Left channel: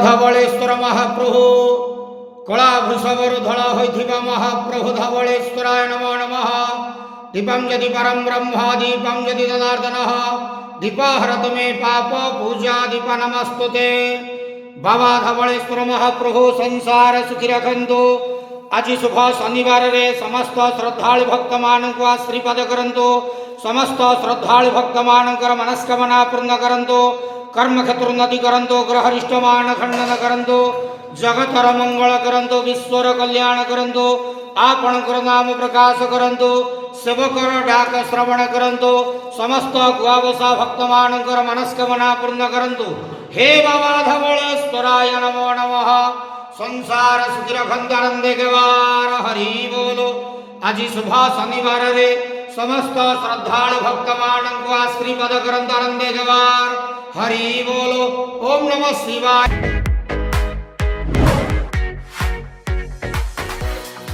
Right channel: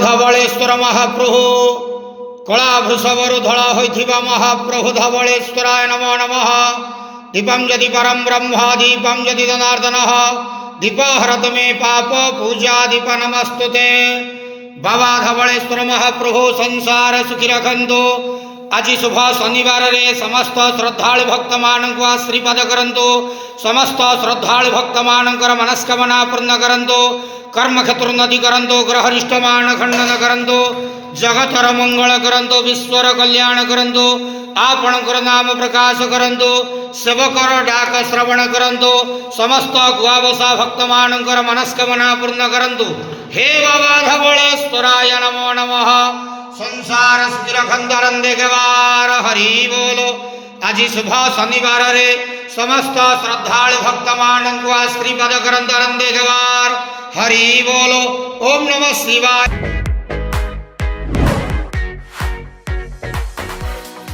धवलेश्वर महाप्रभु कला वृषभरु धड़ा होइथिबा महाप्रभु धवलेश्वराय नमो नमः। दीपं यदि परम ब्रह्म दीपं यदि जनार्दन दीपहरत मे पाप पूजा दीप नमस्तुते। बाबा धवलेश्वर महाप्रभु संसार सुखी रखंतु। आज शुभ शनिवार रे समस्त श्रद्धालु भक्त मानक आशीर्वाद करंतु। समस्त श्रद्धालु भक्त मानकर मनस्कामना पूर्ण करंतु। कर्म क्षेत्र उन्नति करंतु। ग्रहरिष्ट मान खंडन करंतु। जगतर मंगल करंतु। विश्वर कल्याण करंतु। आपणकर नाम प्रकाश करंतु। सेवकर डाक श्रवण करंतु। समस्त गुआवसा भक्त मानकर मनस्कामना पूर्ण करंतु। हे बाबा धवलेश्वराय नमो नमः। संसार सुखी रखंतु आनंदे गवार हरि बोलो। आज शुभ शनिवार रे समस्त श्रद्धालु भक्त मानक आशीर्वाद करंतु आनंदे गवार हरि बोलो। ओम नमः शिवाय।